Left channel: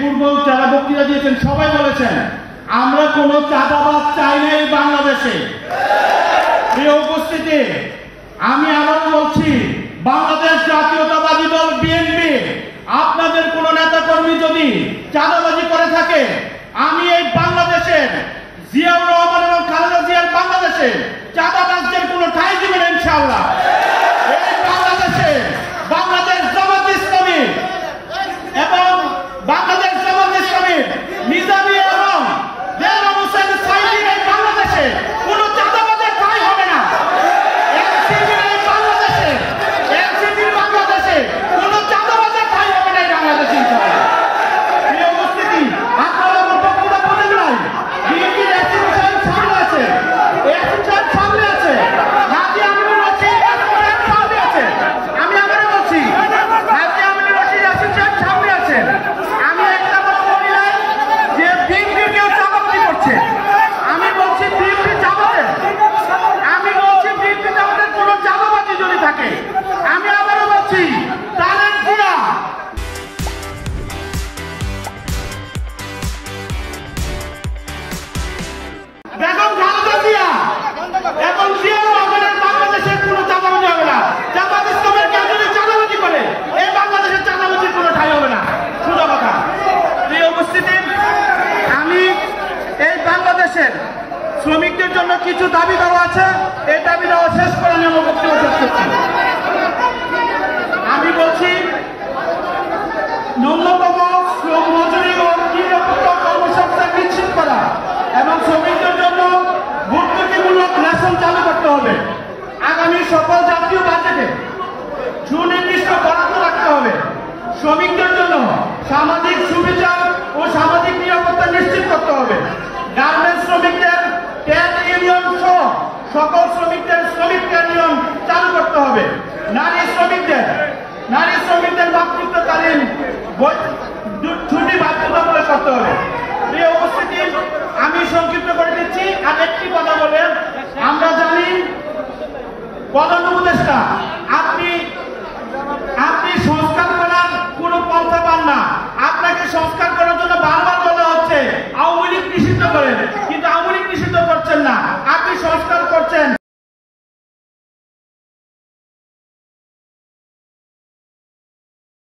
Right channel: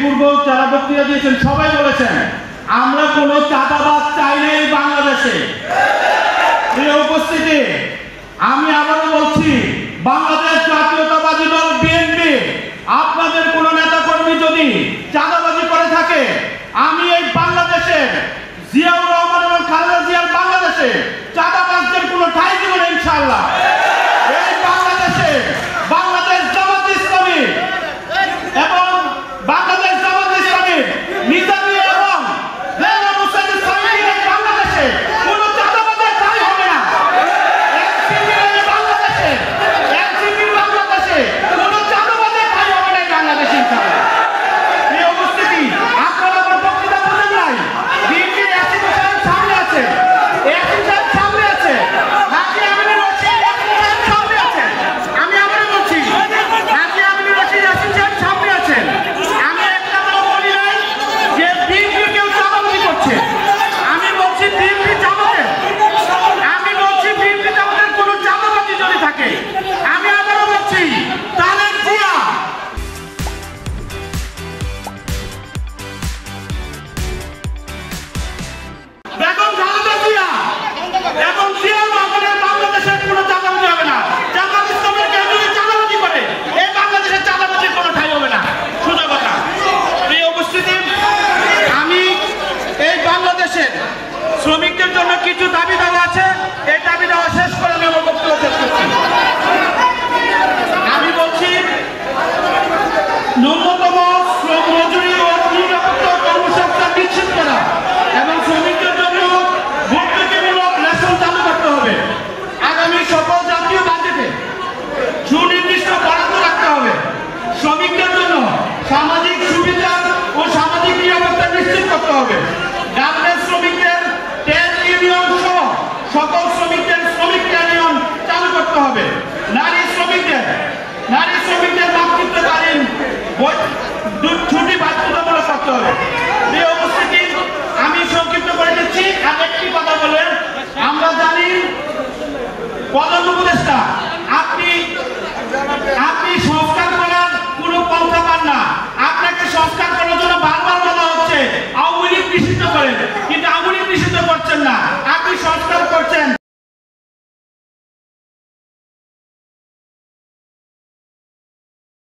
পূর্ব যারা বক্তৃতা দিয়েছেন সবাই বলেছেন আমরা কোনো চাঁদাবাজ চাই না এই বাংলাদেশে। এই উপস্থিতি আমি আবার বলছি, বাংলাদেশ জাতীয়তাবাদী দল বিএনপি আপনাদের কোন নেতা কর্মী যদি চাঁদাবাজি করে থাকে, আমি এই বাংলাদেশে জিয়াউর রহমান এবং খালেদা জিয়ার বাংলাদেশে চাঁদাবাজদের কোনো ঠাঁই দেব না ইনশাআল্লাহ। এই বাংলাদেশে বাংলাদেশ জামাত ইসলামী এবং বাংলাদেশ জামাত ইসলামীর নিজামী এবং দেওয়ান হোসেন সাইদির এই বাংলাদেশে কোনো চাঁদাবাজের ঠাঁই হবে না। এনসিপির বাংলাদেশে কোনো চাঁদাবাজের ঠাঁই হবে না এই বাংলাদেশে ইনশাআল্লাহ। এই উপস্থিতি আপনারা আমার বক্তৃতা বোঝেন নাই। বিএনপির এসিম সাহেব সামনে আছে, এসিম সাহেব সামনে আছে, হাজী আমিনুর রশিদ সামনে আছে। আমি আবারও বলছি, হাজী আমিনুর রশিদ এসিম সাহেব সামনে আছেন। আমি একটা কথা বলি যে বিএনপি কেউ চাঁদাবাজি করছে। আমি বলছি বিএনপি চাঁদাবাজ, আমি বলছি বিএনপি চাঁদাবাজের কোনো চাঁদাবাজি যদি থাকে, আমি আবারও বলছি তারেক জিয়া বেগম খালেদা জিয়া এবং জিয়াউর রহমানের বাংলাদেশের কোনো চাঁদাবাজি হবে না। জামাত ইসলামের কেউ যদি চাঁদাবাজি করে, এই বাংলাদেশের চাঁদাবাজির কোনো ঠাঁই হবে না। সোজা কথা। প্রিয় উপস্থিতি, আমি এই বাংলাদেশের শ্রমিকদের জন্য কিছু দাবি দেওয়া আছে, এই দাবি দেওয়া শেষ করে আমি আমার বক্তব্য শেষ করছি। আমি বলছি ন্যূনতম শ্রম মজুরি ও নিরাপত্তা কর্মসংস্থান নিশ্চিত করা এবং শ্রমিকদের জন্য ভর্তুকিমূলক রেশন চালু করতে হবে। আগামী সকল জাতীয় বাজেটে সুনির্দিষ্ট বরাদ্দ রাখতে হবে। শ্রমিকদের জন্য সামাজিক সুবিধা ও সামাজিক নিরাপত্তা নিশ্চিত করতে হবে। গার্মেন্টস শ্রমিকদের ট্রেড ইউনিয়ন সহ সকল শ্রমিকদের শ্রমিক ইউনিয়ন চালু করতে হবে। নারী শ্রমিকদের মাতৃত্বকালীন ছুটি বাধ্যতামূলক করতে হবে। এই উপস্থিতি আমি সংক্ষিপ্ত করে দিচ্ছি। আর একটি কথা বলেন, আমরা জানি প্রধান উপদেষ্টা আপনি সংস্কার করার কোন পন্থা পান না। আপনাকে সংস্কার করার জন্য বারবার বলা হচ্ছে আওয়ামী লীগ নিষিদ্ধ করেন।